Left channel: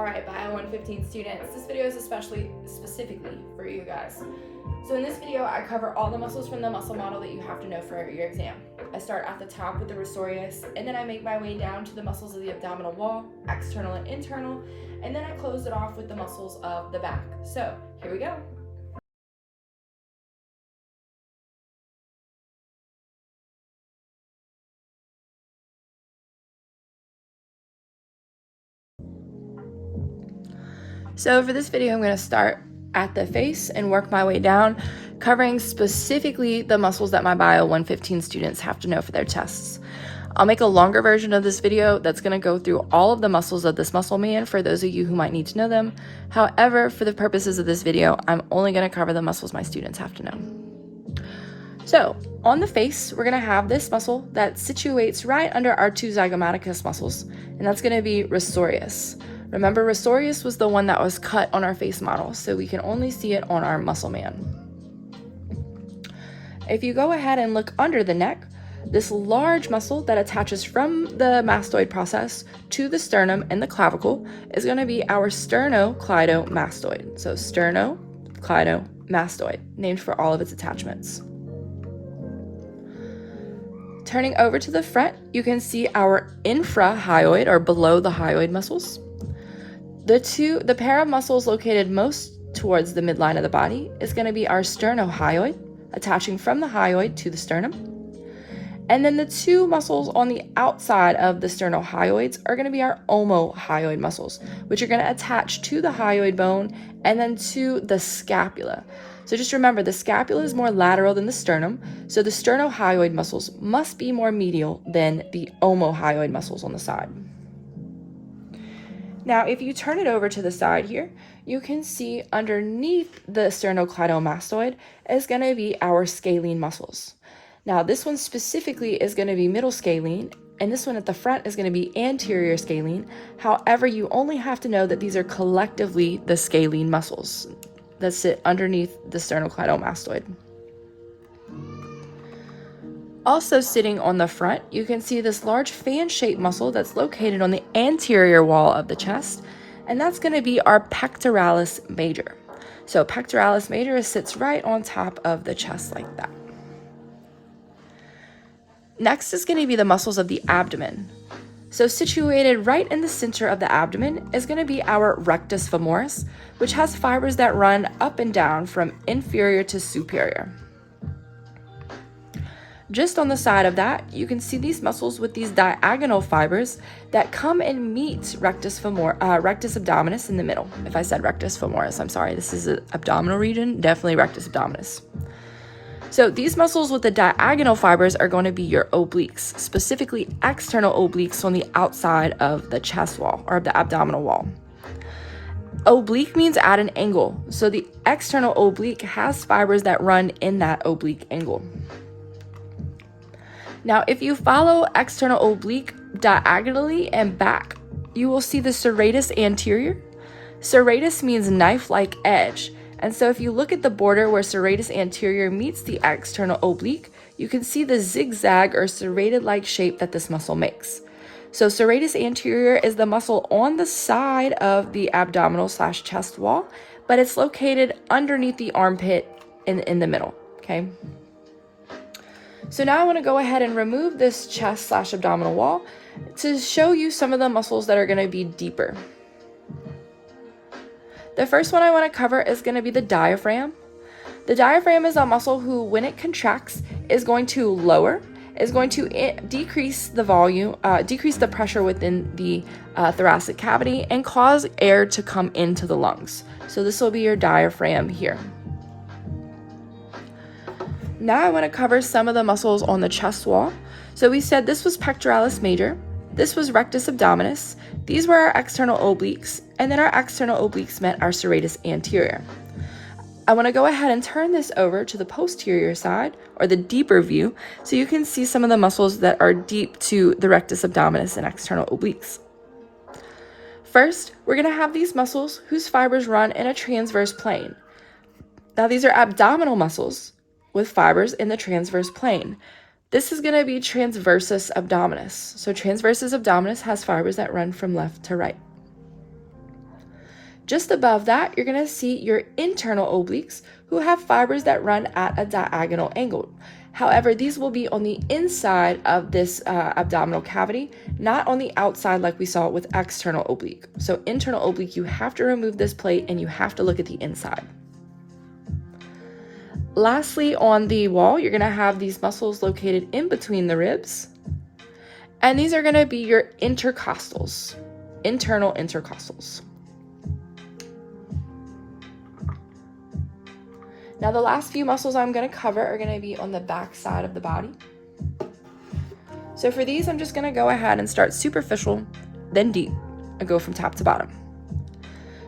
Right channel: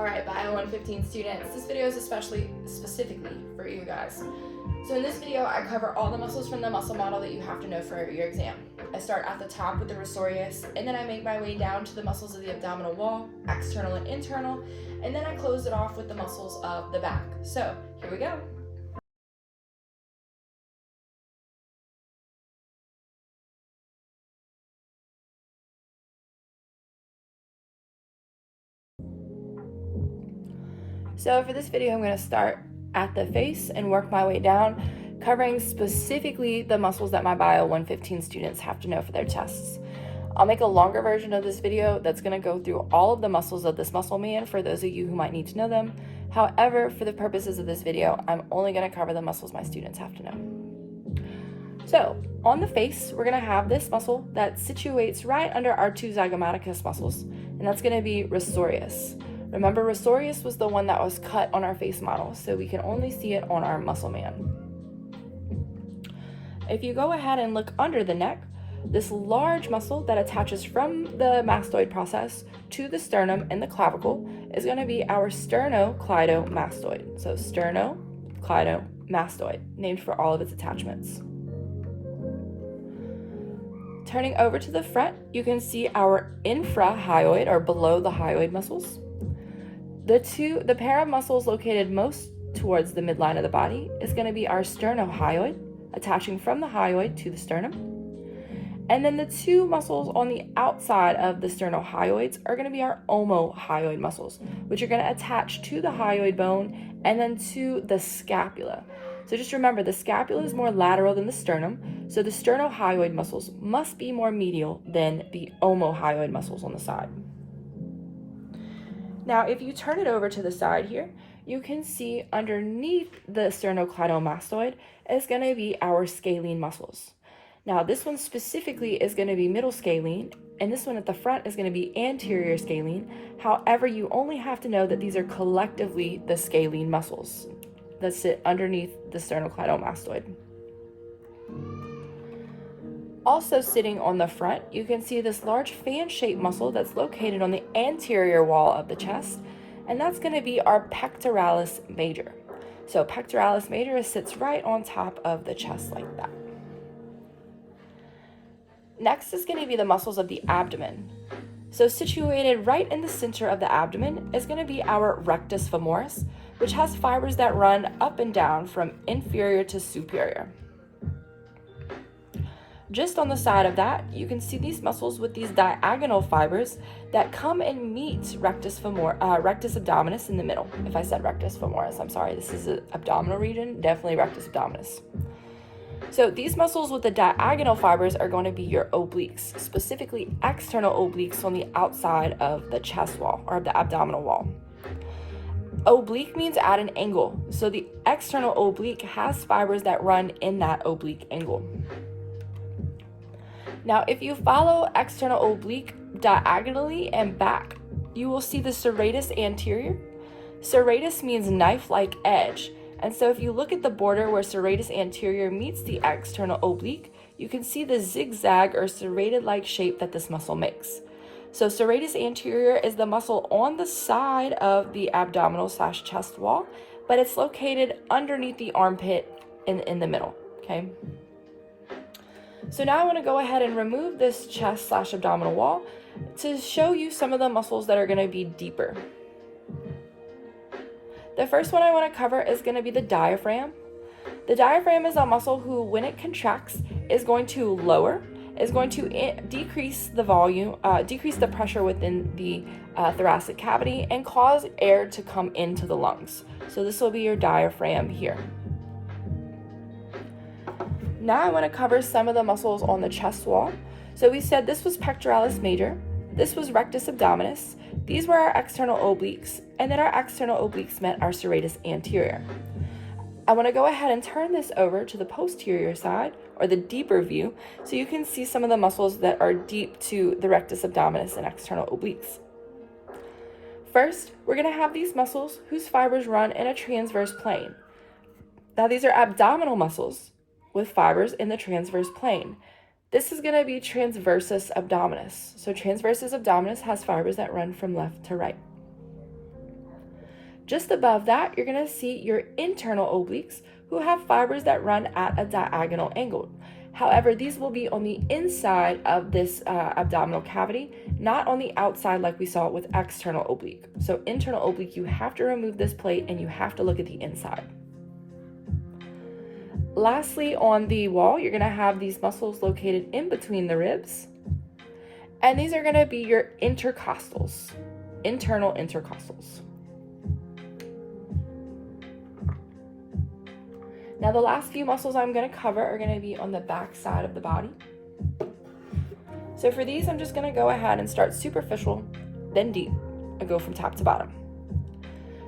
Alright, Bio 115 students, this video is specifically for you guys. So in this video, I cover all the muscles from the muscle model that you have to know for your exam. I start at the top with the rosorius, and then I make my way down to the muscles of the abdominal wall, external and internal, and then I close it off with the muscles of the back. So here we go. So for this video, I'm going to start at the face and work my way down, covering specifically the muscles that my Bio 115 students have to know for their tests. I'll make a longer version of this video that's going to go through all of the muscles of this muscle man for those of you who might need to know them. However, for the purposes of this video, I'm only going to cover the muscles my students have to know. So on the face, we're going to have this muscle that situates right under our two zygomaticus muscles, and that's going to be rosorius. Remember, rosorius was the one that was cut on our face model, so we can only see it on our muscle man. If you go ahead and look under the neck, this large muscle that attaches from the mastoid process to the sternum and the clavicle is going to be our sternocleidomastoid. So sternocleidomastoid, named for all of its attachments. Turning over to the front, you can see our infrahyoid, or below the hyoid muscles. The pair of muscles located most towards the midline of the body is going to be our sternohyoid, attaching from the hyoid to the sternum. And then the two muscles on the outside of the sternohyoids are going to be our omohyoid muscles, which are going to attach to the hyoid bone and then to the scapula. So just remember, the scapula is more lateral than the sternum, so the sternohyoid muscles must be more medial than the omohyoid muscles on the side. Now, if you turn it over to the side here, you can see underneath the sternocleidomastoid is going to be our scalene muscles. Now, this one specifically is going to be middle scalene, and this one at the front is going to be anterior scalene. However, you only have to know that these are collectively the scalene muscles that sit underneath the sternocleidomastoid. Also sitting on the front, you can see this large fan-shaped muscle that's located on the anterior wall of the chest, and that's going to be our pectoralis major. So pectoralis major sits right on top of the chest like that. Next is going to be the muscles of the abdomen. So situated right in the center of the abdomen is going to be our rectus femoris, which has fibers that run up and down from inferior to superior. Just on the side of that, you can see these muscles with these diagonal fibers that come and meet rectus abdominis in the middle. If I said rectus femoris, I'm sorry, this is the abdominal region, definitely rectus abdominis. So these muscles with the diagonal fibers are going to be your obliques, specifically external obliques on the outside of the chest wall or the abdominal wall. Oblique means at an angle, so the external oblique has fibers that run in that oblique angle. Now, if you follow external oblique diagonally and back, you will see the serratus anterior. Serratus means knife-like edge. And so if you look at the border where serratus anterior meets the external oblique, you can see the zigzag or serrated-like shape that this muscle makes. So serratus anterior is the muscle on the side of the abdominal/chest wall, but it's located underneath the armpit in the middle, okay? So now I want to go ahead and remove this chest/abdominal wall to show you some of the muscles that are going to be deeper. The first one I want to cover is going to be the diaphragm. The diaphragm is a muscle who, when it contracts, is going to decrease the volume, decrease the pressure within the thoracic cavity and cause air to come into the lungs. So this will be your diaphragm here. Now I want to cover some of the muscles on the chest wall. So we said this was pectoralis major, this was rectus abdominis, these were our external obliques, and then our external obliques met our serratus anterior. I want to go ahead and turn this over to the posterior side, or the deeper view, so you can see some of the muscles that are deep to the rectus abdominis and external obliques. First, we're going to have these muscles whose fibers run in a transverse plane. Now these are abdominal muscles with fibers in the transverse plane. This is going to be transversus abdominis. So transversus abdominis has fibers that run from left to right. Just above that, you're gonna see your internal obliques, who have fibers that run at a diagonal angle. However, these will be on the inside of this abdominal cavity, not on the outside like we saw with external oblique. So internal oblique, you have to remove this plate and you have to look at the inside. Lastly, on the wall, you're gonna have these muscles located in between the ribs. And these are gonna be your intercostals, internal intercostals. Now the last few muscles I'm gonna cover are gonna be on the back side of the body. So for these, I'm just gonna go ahead and start superficial, then deep, and go from top to bottom.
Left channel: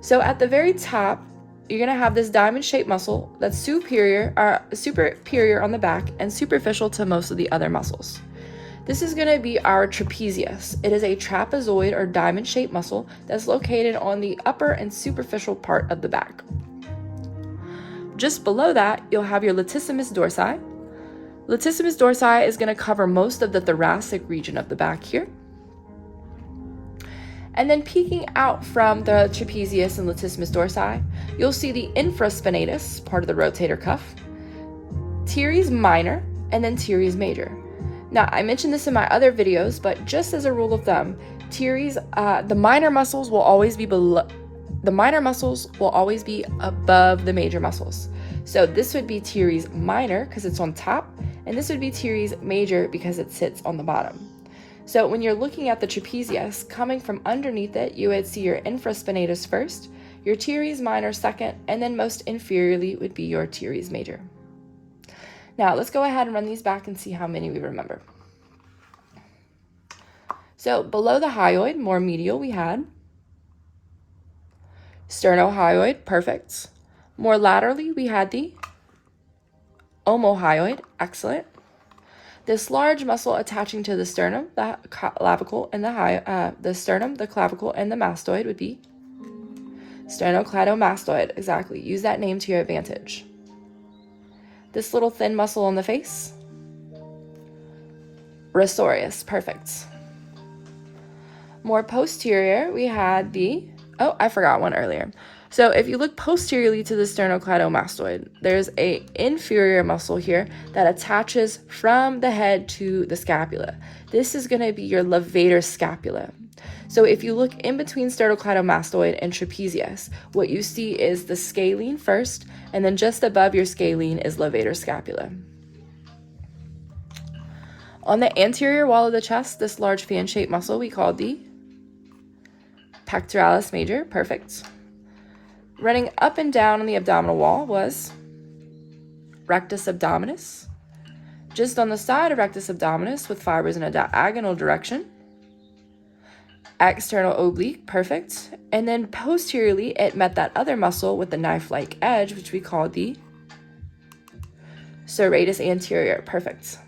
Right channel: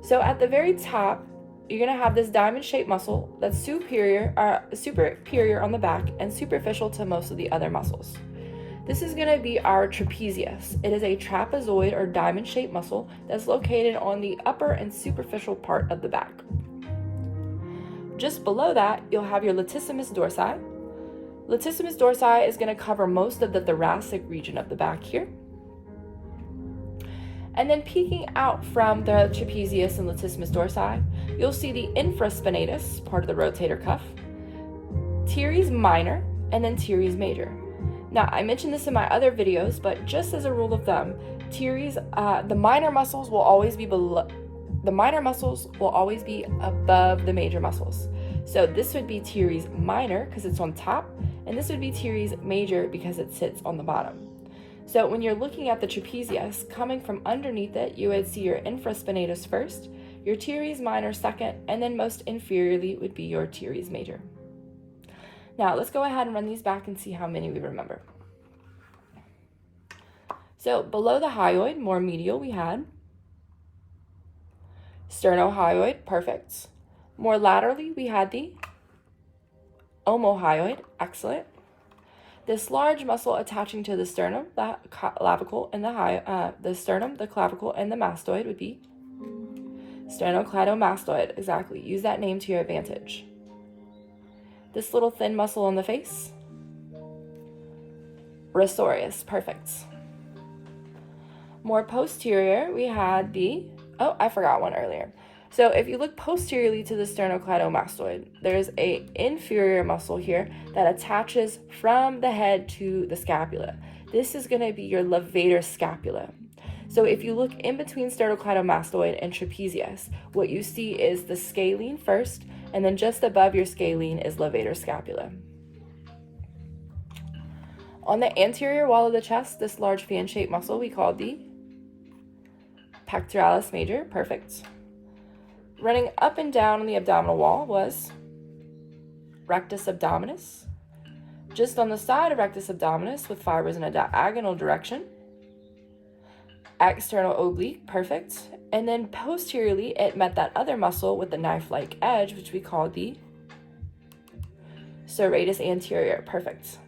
So at the very top, you're gonna have this diamond-shaped muscle that's superior on the back and superficial to most of the other muscles. This is gonna be our trapezius. It is a trapezoid or diamond-shaped muscle that's located on the upper and superficial part of the back. Just below that, you'll have your latissimus dorsi. Latissimus dorsi is gonna cover most of the thoracic region of the back here. And then peeking out from the trapezius and latissimus dorsi, you'll see the infraspinatus, part of the rotator cuff, teres minor, and then teres major. Now, I mentioned this in my other videos, but just as a rule of thumb, teres, the minor muscles will always be below. The minor muscles will always be above the major muscles. So this would be teres minor because it's on top, and this would be teres major because it sits on the bottom. So when you're looking at the trapezius, coming from underneath it, you would see your infraspinatus first, your teres minor second, and then most inferiorly would be your teres major. Now let's go ahead and run these back and see how many we remember. So below the hyoid, more medial, we had sternohyoid, perfect. More laterally, we had the omohyoid, excellent. This large muscle attaching to the sternum, the clavicle, and the sternum, the clavicle, and the mastoid would be sternocleidomastoid, exactly. Use that name to your advantage. This little thin muscle on the face, risorius, perfect. More posterior, we had the, oh, I forgot one earlier. So if you look posteriorly to the sternocleidomastoid, there's an inferior muscle here that attaches from the head to the scapula. This is gonna be your levator scapula. So if you look in between sternocleidomastoid and trapezius, what you see is the scalene first, and then just above your scalene is levator scapula. On the anterior wall of the chest, this large fan-shaped muscle we call the pectoralis major, perfect. Running up and down on the abdominal wall was rectus abdominis. Just on the side of rectus abdominis with fibers in a diagonal direction, external oblique, perfect. And then posteriorly, it met that other muscle with the knife-like edge, which we call the serratus anterior, perfect.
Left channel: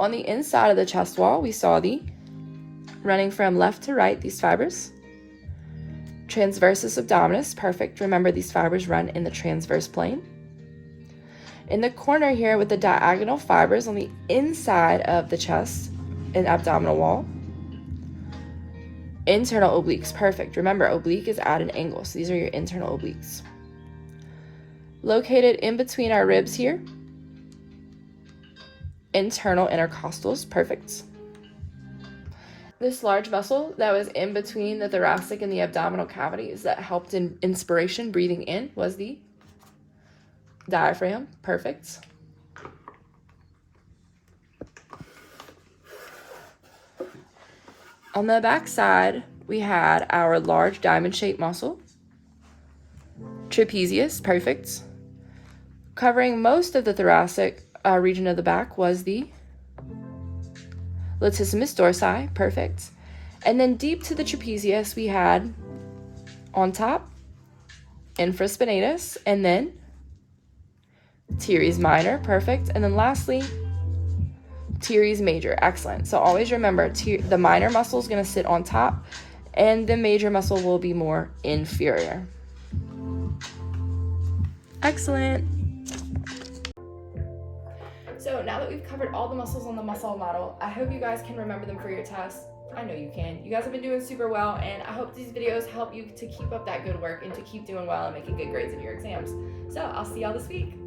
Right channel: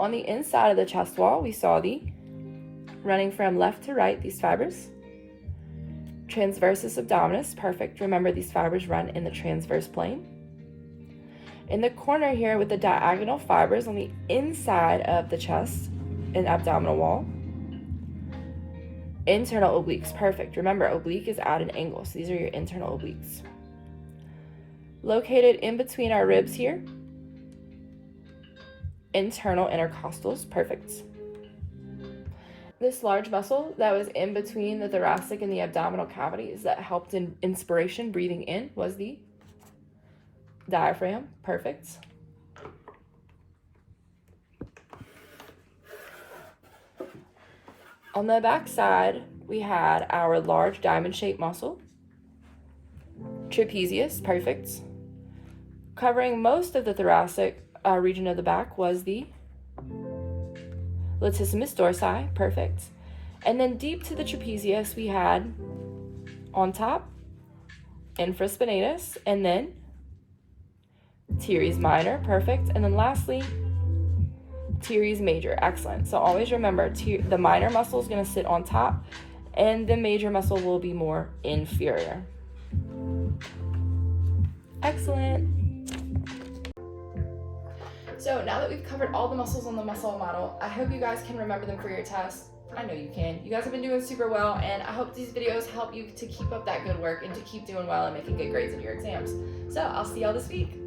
On the inside of the chest wall, we saw the, running from left to right, these fibers, transversus abdominis, perfect. Remember, these fibers run in the transverse plane. In the corner here with the diagonal fibers on the inside of the chest and abdominal wall, internal obliques, perfect. Remember, oblique is at an angle, so these are your internal obliques. Located in between our ribs here, internal intercostals, perfect. This large muscle that was in between the thoracic and the abdominal cavities that helped in inspiration, breathing in, was the diaphragm, perfect. On the back side, we had our large diamond-shaped muscle, trapezius, perfect. Covering most of the thoracic region of the back was the latissimus dorsi, perfect. And then deep to the trapezius, we had on top, infraspinatus, and then teres minor, perfect. And then lastly, teres major, excellent. So always remember, the minor muscle is gonna sit on top, and the major muscle will be more inferior. Excellent. So now that we've covered all the muscles on the muscle model, I hope you guys can remember them for your test. I know you can. You guys have been doing super well, and I hope these videos help you to keep up that good work and to keep doing well and making good grades in your exams. So I'll see y'all this week.